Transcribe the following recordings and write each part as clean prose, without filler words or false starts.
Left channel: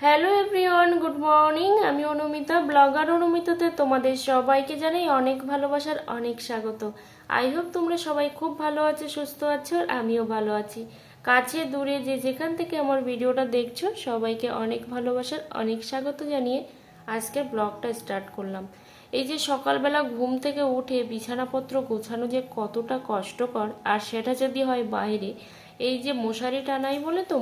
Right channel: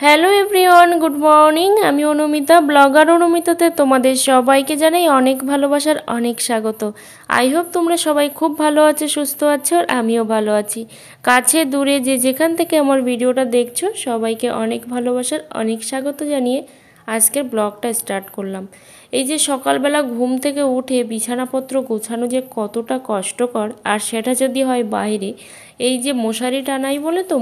Hello everyone, good morning. আমি Anumita, blogger অনুমিতাতে তোমাদের সবাইকে জানাই অনেক ভালোবাসার অনেক স্বাগত। আই হোপ তোমরা সবাই খুব ভালো আছো, সুস্থ আছো, আর আমিও ভালো আছি। কাছে দূরে যে যেখান থেকে আমার ভিডিওটা দেখছো সবাইকে অনেক ভালোবাসার অনেক স্বাগত জানিয়ে আজকের ব্লগটা স্টার্ট করলাম। এই যে সকালবেলা ঘুম থেকে উঠে বিছানাপত্র গোছানো যে কতটা কষ্টকর, আর সেটা যদি হয় বাইরে, এই যে মশারি টানাই বলে তো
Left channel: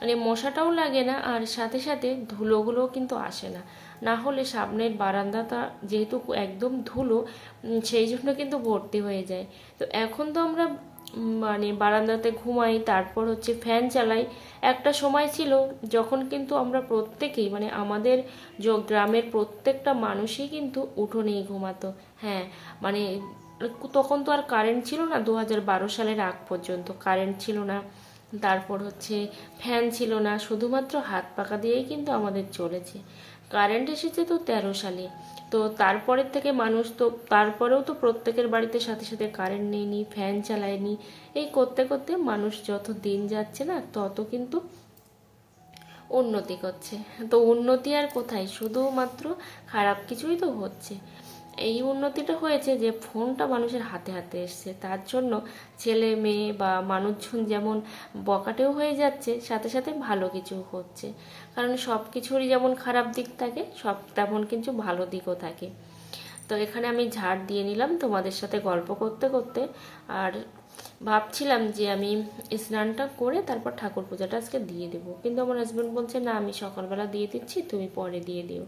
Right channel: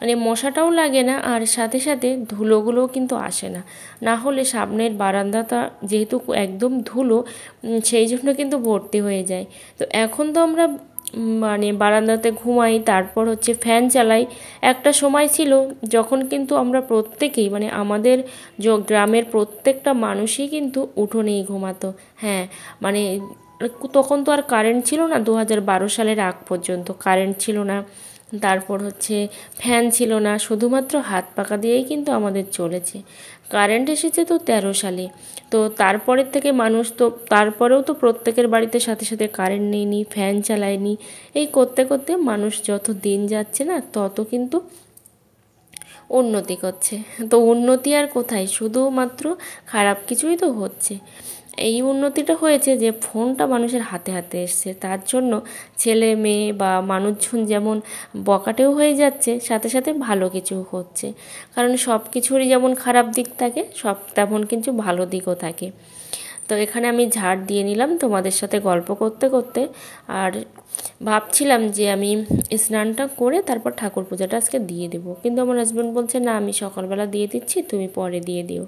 মানে মশাটাও লাগে না, আর সাথে সাথে ধুলোগুলোও কিন্তু আসে না। না হলে সামনের বারান্দাটা যেহেতু একদম ধুলো, সেই জন্য কিন্তু ভর্তি হয়ে যায়। তো এখন তো আমরা মানে বারান্দাতে ঘুমাই, তারপর হচ্ছে ফ্যান চালাই। একটা সময় ছিল যখন কিন্তু আমরা প্রত্যেকেই, মানে আমাদের গ্রামের প্রত্যেকটা মানুষই কিন্তু উঠোনেই ঘুমাতো। হ্যাঁ, মানে তখন তো আর কারেন্ট ছিল না, 2012 সালের আগ পর্যন্ত কারেন্ট ছিল না, তারপর হচ্ছে ফ্যান ছিল না, শুধুমাত্র হাত পাকা দিয়েই কিন্তু আমাদের চলেছে। কারেন্ট এসেছে তো 13 সালে। তো তারপরের থেকে মানুষ তো তারপরেও তো প্রত্যেকের বাড়িতে সাথে সাথে কারেন্ট নেয়নি, ফ্যান চালায়নি। এই করতে করতে মানুষ যত দিন যাচ্ছে না তত কিন্তু উন্নতি করছে। তো উন্নতি আর কোথায়, শুধুমাত্র খারাপ কিছুই তো হচ্ছে। এই উন্নতিটা হয়েছে যে ফোনটা মানুষের হাতে হাতে এসছে, তার জন্য ছেলে মেয়ে বা মানুষজন যেমন বকাটেও হয়ে যাচ্ছে, সাথে সাথে ভালো কিছু হচ্ছে। কারণ সব কিছুরই যেমন খারাপ দিক থাকে, সব তেমন কিন্তু ভালো দিকও থাকে। তো এখানে আমি ঝাড় দিয়ে নিলাম তোমাদের সাথে গল্প করতে করতে, আর ভাবছিলাম যে আমি স্নানটা করে তারপর ঠাকুর পূজাটা আজকে দিয়ে দেবো, কিন্তু আমার হাজব্যান্ড বলছে না, আমি সকালবেলা দিয়ে দিচ্ছি, তুমি পরে দিয়ে দিও।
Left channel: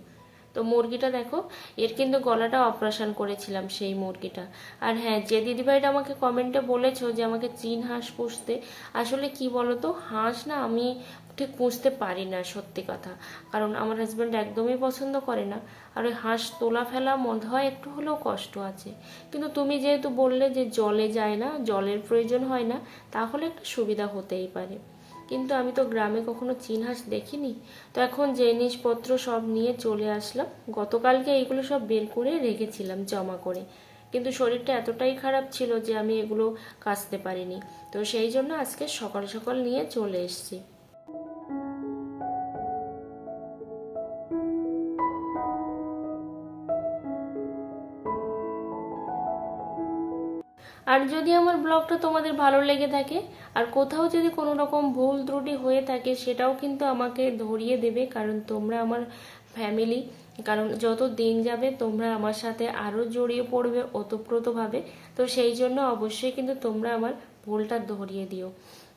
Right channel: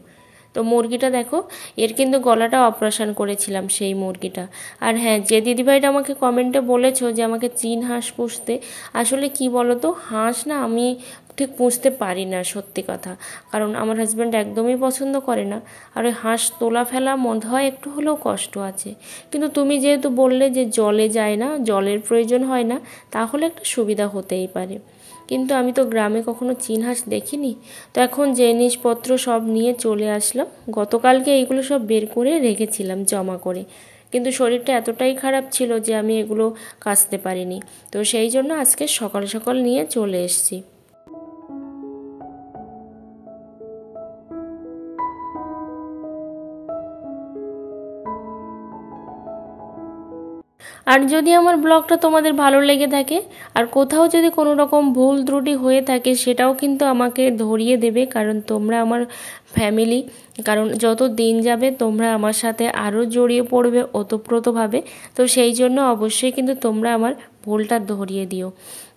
তো মুরগিটা দেখো, এর কিন্তু গলাটা অপারেশন করেছিলাম সেই মুরগিটা। আর হ্যাঁ, যে দিদিভাইটা আমাকে কমেন্টে বলেছো যে আমাকে চীন হাঁস পুষতে, আসলে কি বলো তো, হাঁস না আমি ঠিক পুষতে পারি না, সত্যি কথা। কারণ আমার হাজব্যান্ড একদমই পছন্দ করে না, আর ওই হাঁস তোলা ফেলা মনে হয় একটু হলেও কষ্ট আছে। কিন্তু তুমি যেহেতু বললে যে জলে যায় না, জলের প্রয়োজন হয় না, তাহলে একটা সুবিধা হতেই পারে। কিন্তু আমি তো গ্রামে কখনো চীন হাঁস দেখিনি। তো এখন জিনিসপত্র সব নিয়ে চলে আসলাম। গতকালকে এইগুলো সব বের করে রেখেছিলাম জমা করে, কিন্তু শরীরটা এতটাই খারাপ ছিল যে আমি এগুলো কাচতে পারিনি। তো সেই জন্য আজকে সকাল সকাল নিয়ে চলে এসেছি। আর যদি আমার ব্লগটা তোমাদের ভালো লেগে থাকে, আর কোথাও যদি কোনো রকম ভুল ত্রুটি হয়ে থাকে, সেটাও কিন্তু আমাকে ধরিয়ে দেবে, কারণ তোমরা আমার ফ্যামিলি। কারণ যত দিন যাবে তোমরা আমার সাথে আরও জড়িয়ে পড়বে ওতপ্রোতভাবে। তো সেই জন্য অবশ্যই কিন্তু তোমরা আমার ভুলটা ধরিয়ে দিও।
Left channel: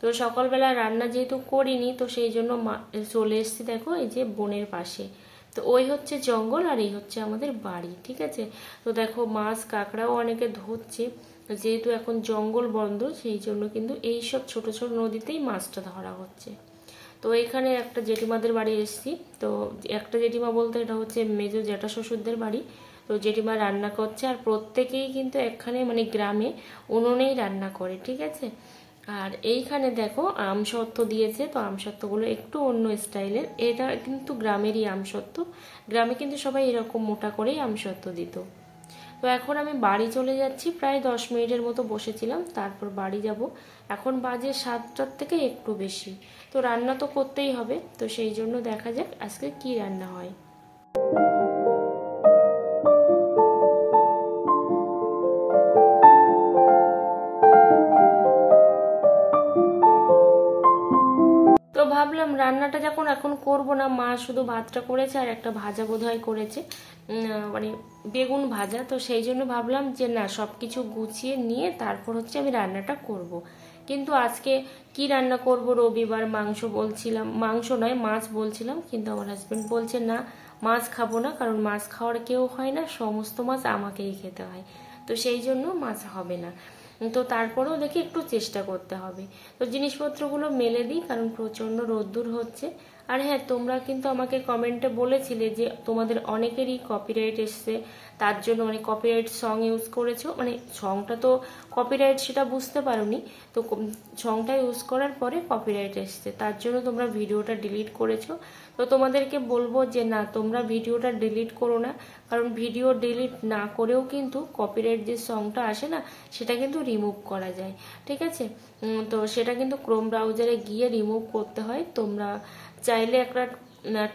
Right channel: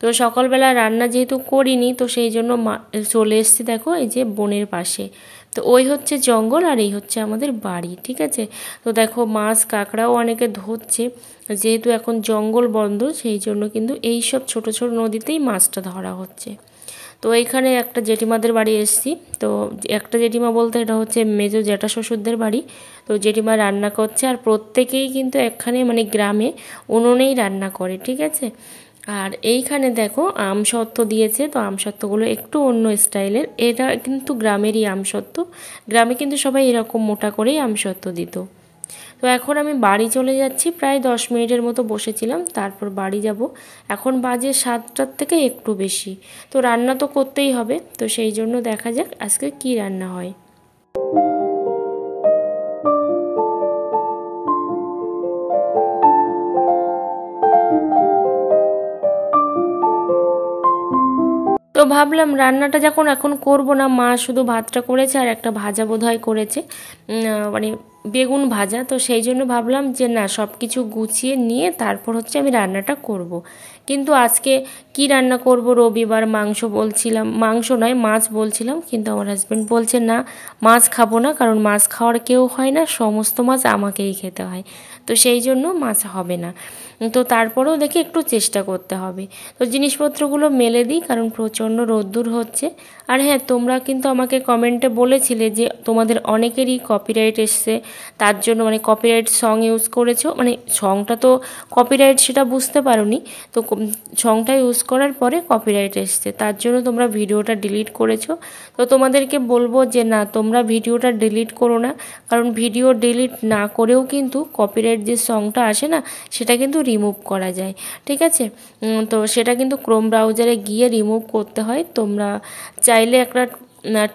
তো সকালবেলা রান্না যেহেতু করিনি, তো সেই জন্য চলে এসেছি দেখো এই যে বোনের পাশে। তো ওই হচ্ছে জঙ্গল, আর এই হচ্ছে আমাদের বাড়ি, ঠিক আছে। তো দেখো মাছ কাঁকড়াও অনেকে ধরছে, যেহেতু এখন জঙ্গল বন্ধ, সেই জন্য কিন্তু এই সব ছোট ছোট নদীতেই মাছটা ধরা হচ্ছে। তো এইখানে একটা জেঠিমাদের বাড়ি এসেছি। তো একটা জেঠিমা বলতে এটা হচ্ছে মেজো জ্যাঠা শ্বশুরদের বাড়ি। তো জেঠিমা রান্না করছে, আর প্রত্যেকেই কিন্তু এখানে মানে গ্রামে উনুনেই রান্না করে, ঠিক আছে। আর এইখানে দেখো আমসত্ত্ব দিয়েছে। তো আমসত্ত্বগুলো একটু অন্য স্টাইলের, এটা কিন্তু গ্রামেরই আমসত্ত্ব। গ্রামে কিন্তু সবাই এরকম মোটা করেই আমসত্ত্ব দিত। তো এখন আমি বাড়ি চলে যাচ্ছি, প্রায় 10 মিনিটের মতো বসেছিলাম, তারপর বাড়ি যাব। এখন বাজে 7টার থেকে একটু বেশি। তো রান্না তো করতেই হবে, তো সেই জন্য দেখা যাক আজকে কি রান্না হয়। তো ভাবলাম রান্নাটা যখন এখন করব না, মা শুধু ভাতটা করেছে আর একটা ভাজা বোধহয় করেছে, মানে বেগুন ভাজা। তো সেই জন্য ভাবলাম যে না, সব কিছু গুছিয়ে নিয়ে তারপর হচ্ছে আমি রান্নাটা করব। কিন্তু আজকে কি রান্না করব, রবিবার মাংস বলছিলাম, মাংস নয় মাছ বলছিলাম, কিন্তু আমার হাজব্যান্ড বলছে না, মাছ খাবো না, কারণ মাছ খাওয়ার কেউ হয় না, সমস্ত মাছ আমাকেই খেতে হয়। তো সেই জন্য মাছ হবে না। তো তারপরেও দেখি একটু চেষ্টা করতে হবে। তো জিনিসপত্রগুলো মেলে দিই, কারণ প্রচণ্ড রোদ্দুর হচ্ছে। আর হ্যাঁ, তোমরা কিন্তু আমাকে কমেন্টে বলেছিলে যে তোমাদের অনেকেরই কপিরাইট এসছে, তার জন্য মানে কপিরাইট সং ইউজ করেছো, মানে সংটা তো কপিরাইট সেটা বুঝতে পারোনি, তো সংটা ইউজ করার পরে কপিরাইট এসছে, তার জন্য তোমরা ভিডিওটা ডিলিট করেছো। তো তোমাদেরকে বলবো যে না, তোমরা ভিডিওটা ডিলিট করো না, কারণ ভিডিও ডিলিট না করেও কিন্তু কপিরাইট যে সংটা আসে না, সেটা কিন্তু রিমুভ করা যায়, ঠিক আছে। তো সেটা কিন্তু ক্রোম ব্রাউজারে গিয়ে রিমুভ করতে হয়। তোমরা চাইলে একটা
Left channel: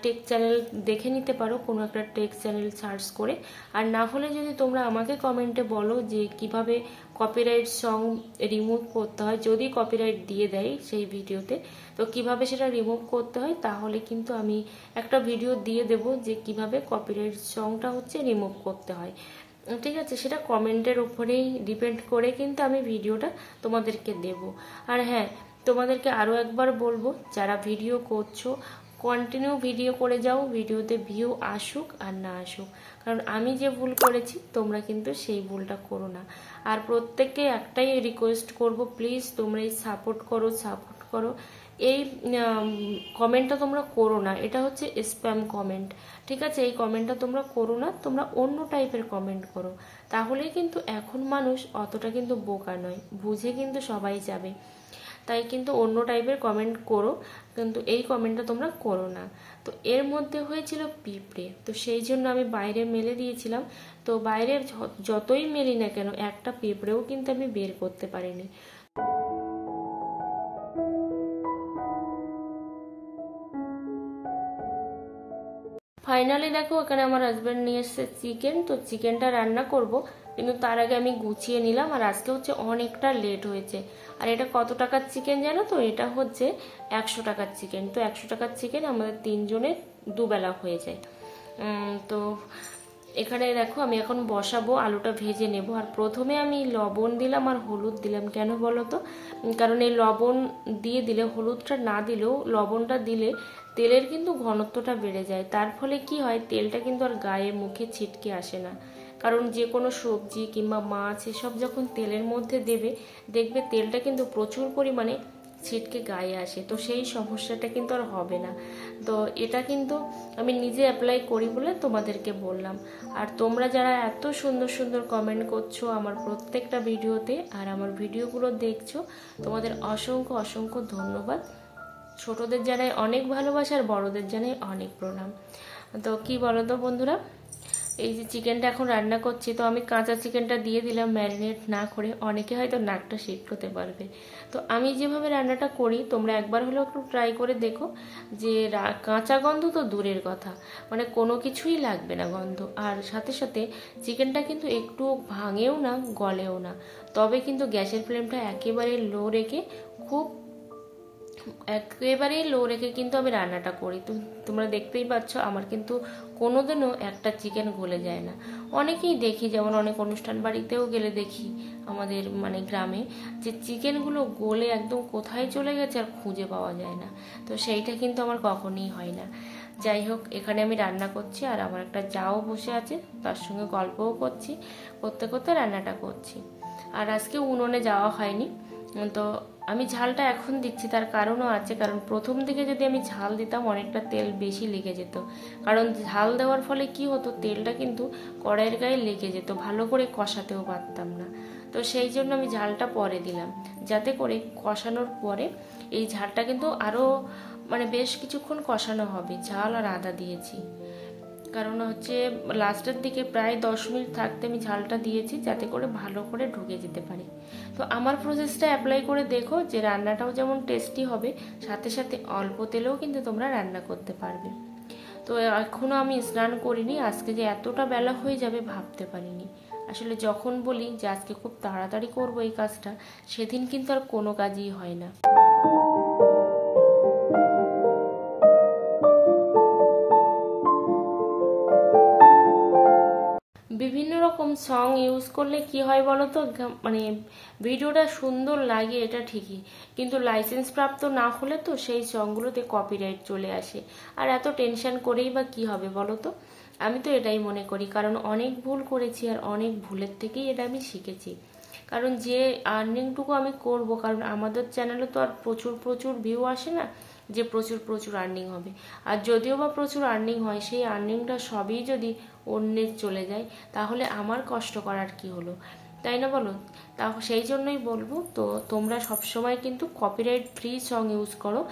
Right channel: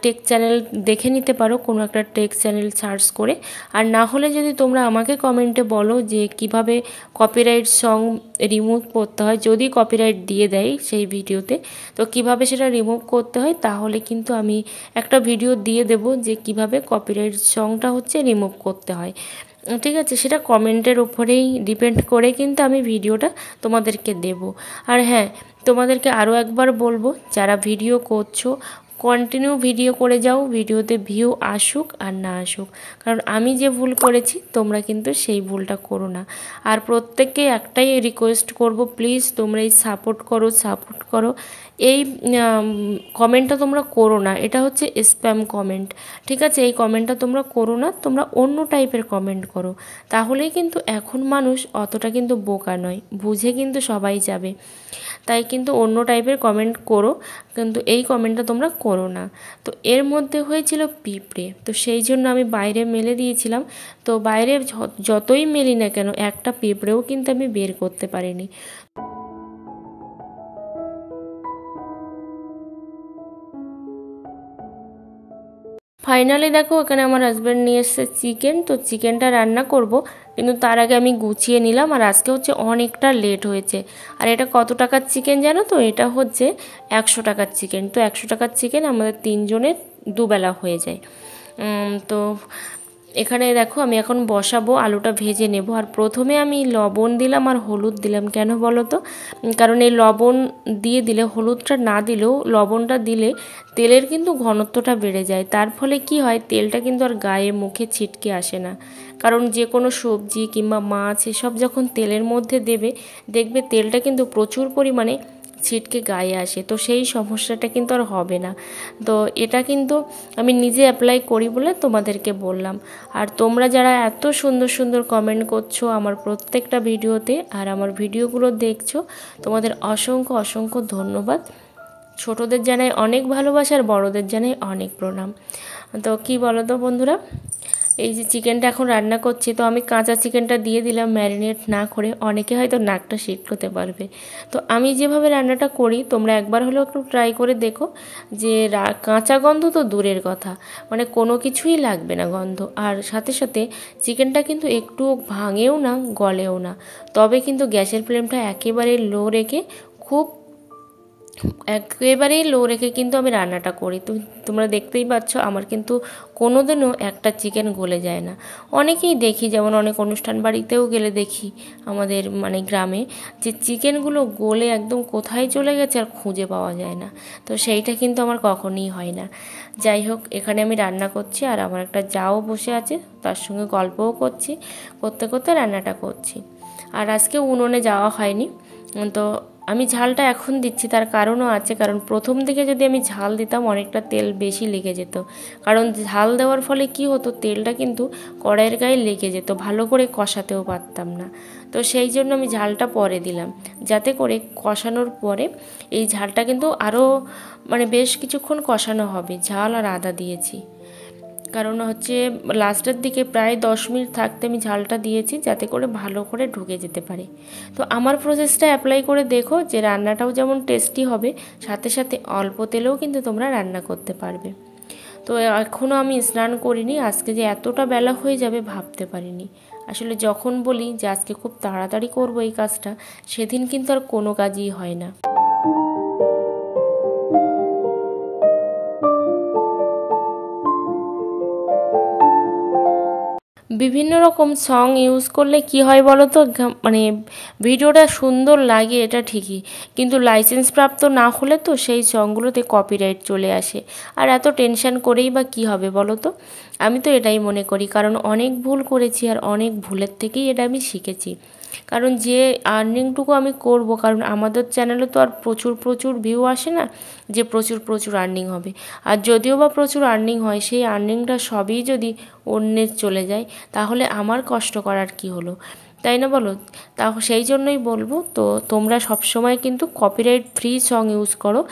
টেক চ্যানেল দেখে নিতে পারো, কোনো একটা টেক চ্যানেল সার্চ করে। আর না হলে যদি তোমরা আমাকে কমেন্টে বলো যে কিভাবে কপিরাইট সং রিমুভ করতে হয়, যদি কপিরাইট দিয়ে দেয় সেই ভিডিওতে, তো কিভাবে সেটা রিমুভ করতে হয়, তাহলে কিন্তু আমি একটা ভিডিও দিয়ে দেব যে কিভাবে কপিরাইট সংটা হচ্ছে রিমুভ করতে হয়, ঠিক আছে। সেটা কমেন্টের উপরেই ডিপেন্ড করে কিন্তু আমি ভিডিওটা তোমাদেরকে দেব। আর হ্যাঁ, তোমাদেরকে আরও একবার বলবো, যারা ভিডিও করছো কন্টিনিউ ভিডিও করে যাও, ভিডিওতে ভিউ আসুক আর না আসুক, কারণ আমি যে ভুল করেছি তোমরা কিন্তু সেই ভুলটা করো না। আর প্রত্যেককে একটাই রিকোয়েস্ট করব, প্লিজ তোমরা এই সাপোর্ট করো। এই কমেন্টটা তোমরা করো না, এটা হচ্ছে স্প্যাম কমেন্ট, ঠিক আছে। এই কমেন্টটা তোমরা করো না, তোমরা অন্য টাইপের কমেন্ট করো, তাহলেই কিন্তু এখন মানুষ অতটা কিন্তু বোকা নয়, বুঝে কিন্তু সবাই যাবে। তাই কিন্তু অন্য টাইপের কমেন্ট করো, কিন্তু এই কমেন্টটা তোমরা করো না। তো এর মধ্যে হয়েছিল পিঁপড়ে, তো সেই জন্য আমি বাইরে মেলে দিয়েছিলাম। তো বাইরে যতই মেলি না কেন, একটা পিঁপড়েও কিন্তু আমি বের করতে পারিনি। ফাইনালি দেখো, এখানে আমার হাজব্যান্ড নিয়ে এসেছে চিকেন, তো চিকেনটা রান্না করব, কিন্তু তার আগে আমি গুছিয়ে নিলাম। আর আজকে হচ্ছে অনেকটা লেট হয়েছে। আর এটা কত টাকার চিকেন জানো তো? এটা হচ্ছে 100 টাকার চিকেন। তো 100 টাকার চিকেন আমাদের 3 জনের দুবেলা হয়ে যায়। তো এখানে দেখো, আমি এখন বসাবো, আলুটা ভেজে নেব। আর প্রথমে আমি লবণ দিলাম আর হলুদ দিলাম, কেন বলো তো? কারণ এই লবণ দিয়ে দিলে, হলুদটা না দিলেও লবণটা দিলে তেলের কিন্তু ঘনত্বটা বেড়ে যায়, তার ফলে কি হয়, তেলটা কিন্তু আর গায়ে মুখে ছিটকে আসে না। কারণ যে কোনো সবজি কিংবা মাছ এসব যখন তেলের মধ্যে দেবে, দেখবে তেলটা কিন্তু প্রচুর পরিমাণে ছিটকে গায়ে আসে, তো সেই সমস্যাটা কিন্তু আর হবে না। তো এটা কিন্তু আমি নিজে অ্যাপ্লাই করি বলে তোমাদেরকে বললাম। আর তোমরা যারা এত সুন্দর সুন্দর কমেন্ট করছো আমার প্রত্যেকটা ভিডিওতে, আর আমার ভিডিওগুলো দেখছো, তোমাদের অসংখ্য অসংখ্য ধন্যবাদ। ছোটদের জানাই অনেক ভালোবাসা, আর বড়দের জানাই অনেক প্রণাম। তো কি বলো তো বন্ধুরা, এই যে চিকেনটা এখন রান্না করছি, তো আমি কাঁচা চিকেনটা দিয়ে দিলাম ম্যারিনেট না করে, অনেকে হয়তো নাকটা শিট করতে পারবে। তো আমি যেভাবে রান্নাটা করি, তোমরা একবার হলেও একটু ট্রাই করে দেখো, যে কাঁচা গন্ধ তো দূরের কথা, মানে কোনো কিছুই লাগবে না গন্ধ। আর সাথে সাথে চিকেনটা কিন্তু একটু ভাঙেও না, গলেও না। তবে কিন্তু গ্যাসের ফ্লেমটা একেবারে লো রেখে, একেবারেই লো রেখে কিন্তু আমি রান্নাটা করি। তো তোমরা দেখতেই পাচ্ছ, আমার কিন্তু কোনোদিনও একটা চিকেন গলে যায় না। অনেকেই দেখি, যেমন অনেক অনুষ্ঠান বাড়িতেও গেলে দেখি আমাদের মানে গ্রামে, যে চিকেনগুলো গলে একদম কোথায় চলে গেছে আর খুঁজে পাওয়া যায় না। তো সেইটা কিন্তু আমার কখনই হয় না। যাই হোক, এখানে আমি রান্না করছি, আর আমার একটা জাও বসে আছে, তার সঙ্গে গল্পও করছি, করতে করতে রান্নাটা করছি। আর আজকে উনুনে যাওয়া হয়নি। তো আমি ঝালটা এখন দিচ্ছি, তার কারণও আছে, কারণ প্রথম দিকে যদি আমি ঝাল দিতাম অনেকটা তেল বেশি লেগে যেত। কারণ ঝাল দেওয়ার ফলে কি হতো, তেলটা কিন্তু কড়াইয়ের গায়ে লেগে যেত, ভালো করে কষাতেও পারতাম না। তো সেই জন্য আমি ঝালটা পরে দিলাম, যাতে করে কষানোর পরে এই ঝালটা কিন্তু আরও মানে বেশ কিছুক্ষণ কষানো হবে। ঝাল আর আদা দিয়েছি, কারণ হচ্ছে লাস্টের দিকে প্রায় 10 মিনিট থাকতে আমি ঝালটা দিয়েছি, যাতে করে ভালো করে ঢুকে যেতে পারে। তো আমার প্রসেসটা অ্যাপ্লাই করে দেখো, যে রান্নাটাও যেমন টেস্টি হবে, সাথে সাথে অল্প তেলেও কিন্তু তোমরা রান্না করতে পারবে। তো এখনও আমি স্নান করিনি, আজকে যে এতটা বেলা হয়ে যাবে ভাবতে পারিনি। আসলে যখন বলি যে আজকে খুব তাড়াতাড়ি করবো এই কাজটা, সেদিন কিন্তু আর কোনো কাজই হয় না। বিভিন্ন রকম সং ইউজ করলে কি হয় বলো তো, মানে ভিডিওটা সুন্দর লাগে এটা ঠিকই, কিন্তু লাইসেন্স প্রাপ্ত না হলে তো সেই সংগুলোতে কপিরাইট চলে আসে। আর এত টেনশন করেই বা কি হবে বলো তো? আমি তো এটাই মনে করি, কারণ অনেক ভুল করেছি, আর অনেক ভুলের থেকেই এটা আমি শিখেছি। কারণ যে আর্নিংটুকু আমি করব, কারণ আমাদের চ্যানেলে তো আর প্রচুর প্রচুর ভিউ আসে না যে প্রচুর প্রচুর আর্নিং হবে। আর যদিও বা প্রচুর আর্নিং হয়, সেই আর্নিংটা সবই যদি অন্যের চলে যায় তাহলে আমার কষ্ট করার কি হলো, তাই না বলো? সেই জন্যই বলবো, তো তোমরা সবসময় কিন্তু কপিরাইট ফ্রি সং ইউজ করো,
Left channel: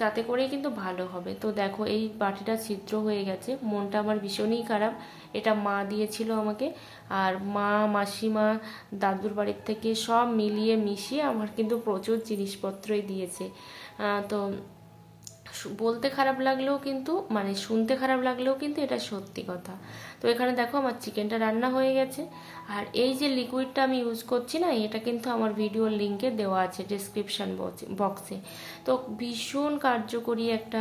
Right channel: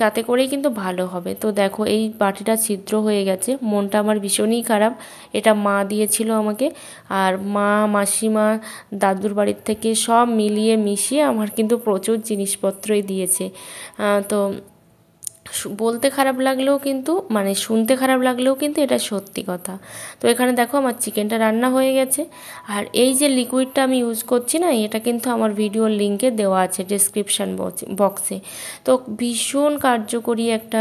তাতে করেই কিন্তু ভালো হবে। তো দেখো এই বাটিটা ছিদ্র হয়ে গেছে, মনটা আমার ভীষণই খারাপ। এটা মা দিয়েছিল আমাকে, আর মা, মাসিমা, দাদুর বাড়ির থেকে সব মিলিয়ে মিশিয়ে আমার কিন্তু প্রচুর জিনিসপত্রই দিয়েছে। তো বলতে খারাপ লাগলেও কিন্তু, মানে শুনতে খারাপ লাগলেও কিন্তু এটা সত্যি কথা। তো এখানে দেখো আমার চিকেনটা রান্না হয়ে গেছে। আর এই যে লিকুইডটা আমি ইউজ করছি না, এটা কিন্তু আমার ভিডিওর লিঙ্কে দেওয়া আছে ডেসক্রিপশান বক্সে। তো ভীষণ কার্যকরী একটা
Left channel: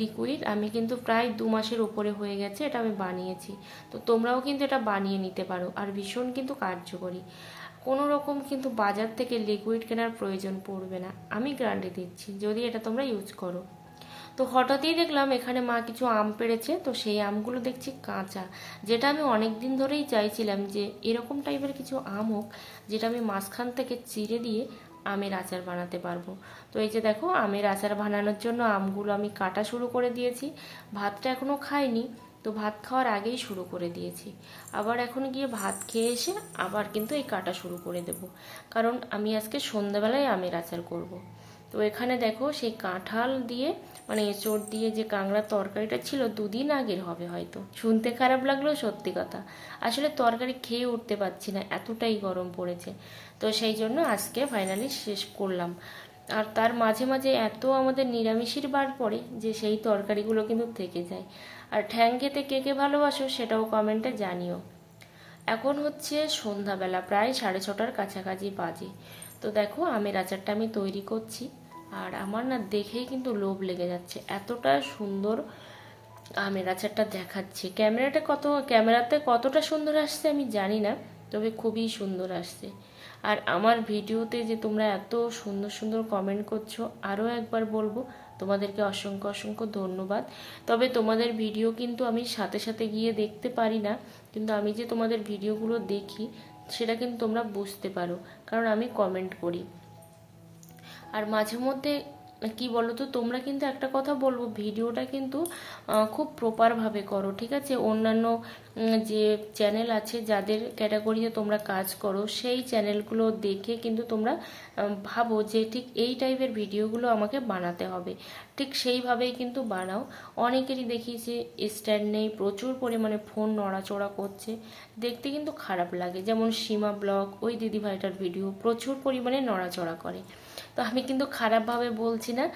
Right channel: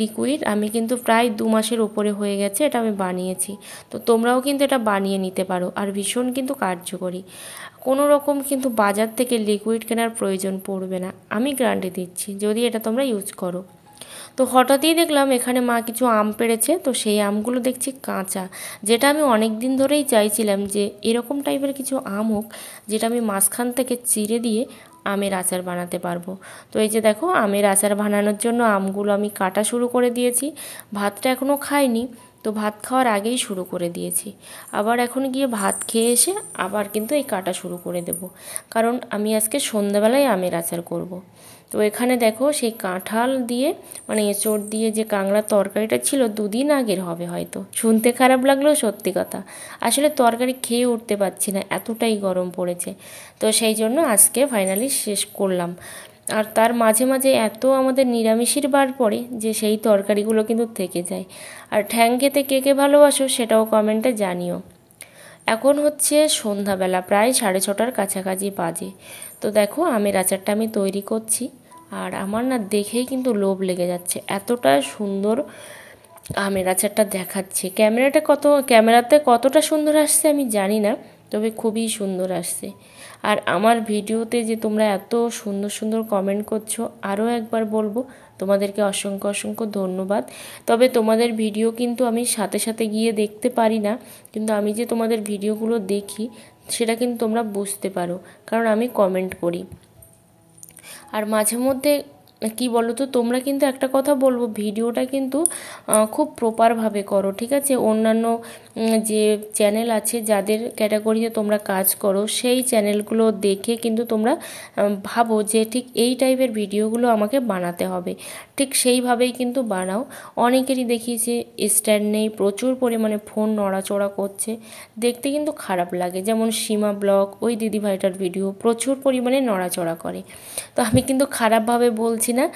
লিকুইড, আমি কিন্তু প্রায় 2 মাসের উপরে হয়ে গেছে এটা আমি বানিয়েছি। তো তোমরাও কিন্তু এটা বানিয়ে নিতে পারো, আর ভীষণ কিন্তু কার্যকরী। কোনো রকম কিন্তু বাজার থেকে লিকুইড কেনার প্রয়োজন পড়বে না, আমি গ্যারান্টি দিচ্ছি, যদি এটা তোমরা ইউজ করো। তো হঠাৎই দেখলাম এখানে মা কিছু আম পেড়েছে, তো সেই আমগুলো দেখছি কাঁচা, যেটা আমি অনেক দিন ধরেই চাইছিলাম যে এরকম টাইপের কিছু আম হোক যেটা আমি মাঝখান থেকে চিড়ে দিয়ে আমের আচার বানাতে পারবো। তো এই যে দেখো আমের আচার বানানোর জন্য আমগুলো আমি কাটা শুরু করে দিয়েছি। ভাতটা এখনও খাইনি, তো ভাত খাওয়ার আগেই শুরু করে দিয়েছি। আবার এখন গিয়ে ভাত খেয়ে এসে আবার কিন্তু এই কাটা শুরু করে দেব, কারণ আমি আজকে সন্ধ্যাবেলায় আমের আচার করব। তো এখানে দেখো সেই কাঁঠাল দিয়ে, মানে এঁচড় দিয়ে যে কাঁকড়ার তরকারিটা ছিল 2 দিন আগের হবে হয়তো, শুনতে খারাপ লাগলেও সত্যি কথা। আসলে তরকারি খেয়ে উঠতে পারছি না, এতটাই গরম পড়েছে। তো সেই জন্য আজকে ফাইনালি শেষ করলাম। আর তার মাঝে মাঝে এত আমাদের নিরামিষের বার পড়ে যে সেই তরকারিগুলো কিন্তু থেকে যায়। আর ঠ্যাং খেতে কে কে ভালোবাসো সেটাও কমেন্টে জানিও। এখন হচ্ছে সন্ধ্যাবেলা, প্রায় 6:30টার কাছাকাছি বাজে। তো দেখো আমের আচারটা আমি তৈরি করছি, আর আমার না দেখেই কিন্তু লোভ লেগে যাচ্ছে, এতটা সুন্দর আমের আচারটা দেখাচ্ছে। ক্যামেরাতে কতটা সুন্দর আসছে আমি জানি না, তবে খুবই সুন্দর আসছে। আর আমার ভিডিওতে যে তোমরা এত সুন্দর সুন্দর কমেন্ট করছো, আরও একবার বলবো তোমাদেরকে অসংখ্য অসংখ্য ধন্যবাদ। তবে তোমাদের ভিডিও কিন্তু আমি সাথে সাথে গিয়ে দেখতে পারি না, কিন্তু আমি যে তোমাদের ভিডিওগুলো দেখি সেটা কিন্তু তোমরা বুঝতে পারো, কারণ আমি কমেন্ট করি। আর মাঝে মধ্যে কি বলো তো, তোমরা কিন্তু একটা কথা বলবো, ভিডিওটা কিন্তু খুব প্রপারভাবে করো, ঠিক আছে? অন্যান্য যে চ্যানেল আছে যাদের ক্যাটাগরিতে তোমরা কাজ করো, সেই চ্যানেলগুলো দেখে কিন্তু তোমরা ভাবো যে ঠিক এই টাইপের ভিডিওগুলো আমাকে বানাতে হবে, ঠিক সেইভাবেই কিন্তু বানাও। অনেকেরই দেখি যে স্ট্যান্ড নেই, প্রচুর পরিমাণে ফোন নড়াচড়া করছে, দেখতে কিন্তু খারাপ লাগে। যেমন সীমা ব্লগ, ওই দিদিভাইটার ভিডিও প্রচুর পরিমাণে নড়াচড়া করে। তো আমি কিন্তু খারাপভাবে বলছি না,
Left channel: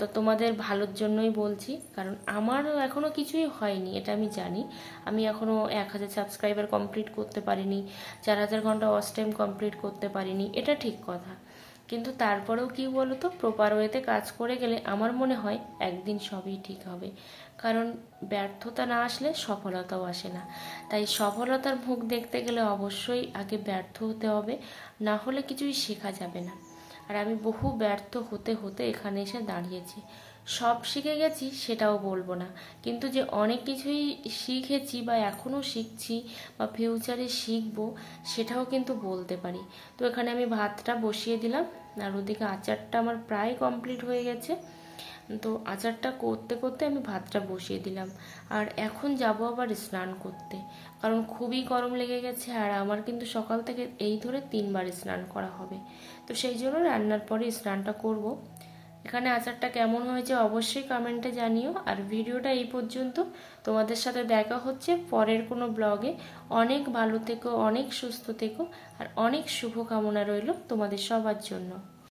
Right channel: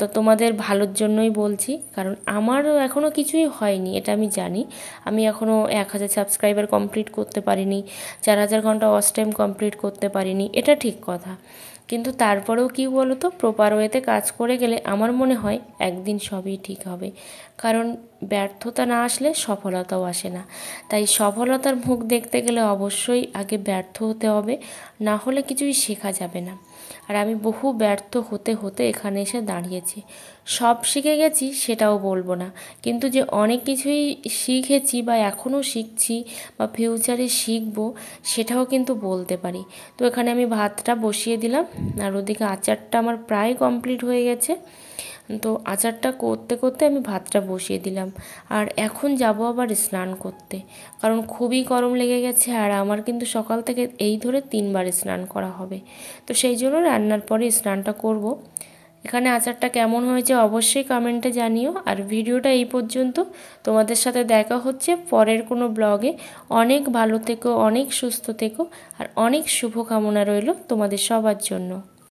তো তোমাদের ভালোর জন্যই বলছি, কারণ আমারও এখনও কিছুই হয়নি, এটা আমি জানি। আমি এখনও 1000 সাবস্ক্রাইবার কমপ্লিট করতে পারিনি, 4000 ঘন্টা ওয়াচ টাইম কমপ্লিট করতে পারিনি, এটা ঠিক কথা। কিন্তু তারপরেও কি বলো তো, প্রপার ওয়েতে কাজ করে গেলে আমার মনে হয় একদিন সবই ঠিক হবে। কারণ ব্যর্থতা না আসলে সফলতাও আসে না। তাই সফলতার মুখ দেখতে গেলে অবশ্যই আগে ব্যর্থ হতে হবে, না হলে কিছুই শেখা যাবে না। আর আমি বহু ব্যর্থ হতে হতে এখানে এসে দাঁড়িয়েছি। সব শিখে গেছি সেটাও বলবো না, কিন্তু যে অনেক কিছুই শিখেছি বা এখনও শিখছি বা ফিউচারে শিখবো সেটাও কিন্তু বলতে পারি। তো এখানে আমি ভাতটা বসিয়ে দিলাম, আর ওদিকে আচারটা আমার প্রায় কমপ্লিট হয়ে গেছে। তো আচারটা করতে করতে আমি ভাতটা বসিয়ে দিলাম। আর এখন যাব আবার স্নান করতে, কারণ খুবই গরম লেগে গেছে, আর আমার কিন্তু সকাল থেকে এই ধরে 3বার স্নান করা হবে। তো সেই জন্য রান্নার পরে স্নানটা করব। এখানে আচারটা কেমন হয়েছে অবশ্যই কমেন্টে জানিও। আর ভিডিওটা এই পর্যন্ত, তোমাদের সাথে দেখা হচ্ছে পরের কোনো ব্লগে। অনেক ভালো থেকো, অনেক সুস্থ থেকো, আর অনেক শুভকামনা রইল তোমাদের সবার জন্য।